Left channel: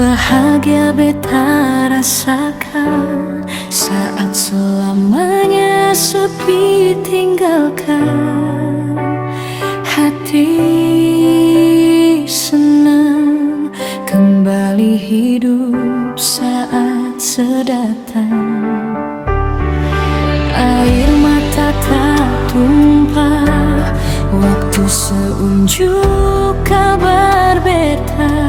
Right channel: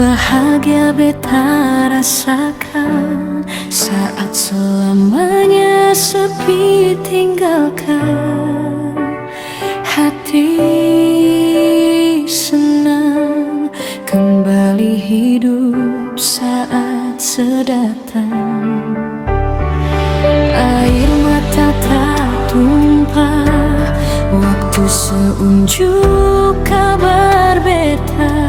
Bahagia beta rasakan saat selamanya sepi tinggalkan. Hati senang kembali hidup saat sedatang. Air mata tak tumpah, waktu seunjuk kabar beta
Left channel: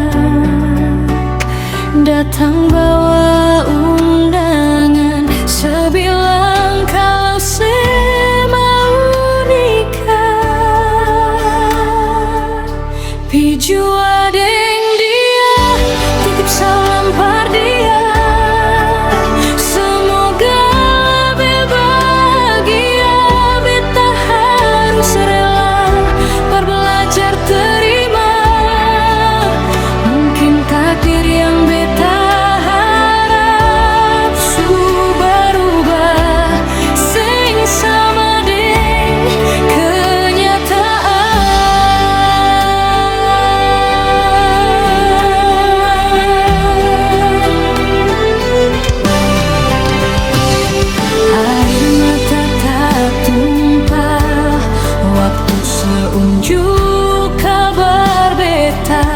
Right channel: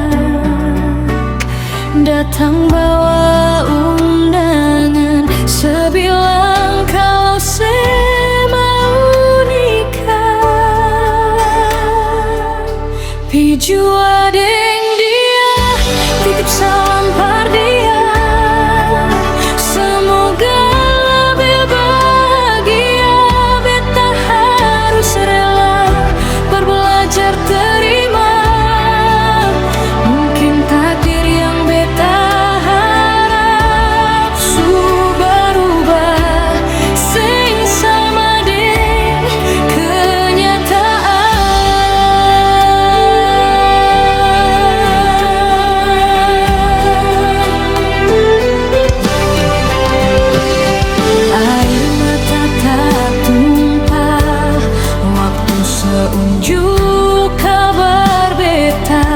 datang bawa undangan, sebilang kalau mau nikah. Piju adeng dia, titip salam par dia, semoga lebih bahagia. Beta harus rela par belajar terima, mungkin takdir yang beta harap su berubah sing sama deng kenyataan. Air mata tak tumpah, waktu seunjuk kabar beta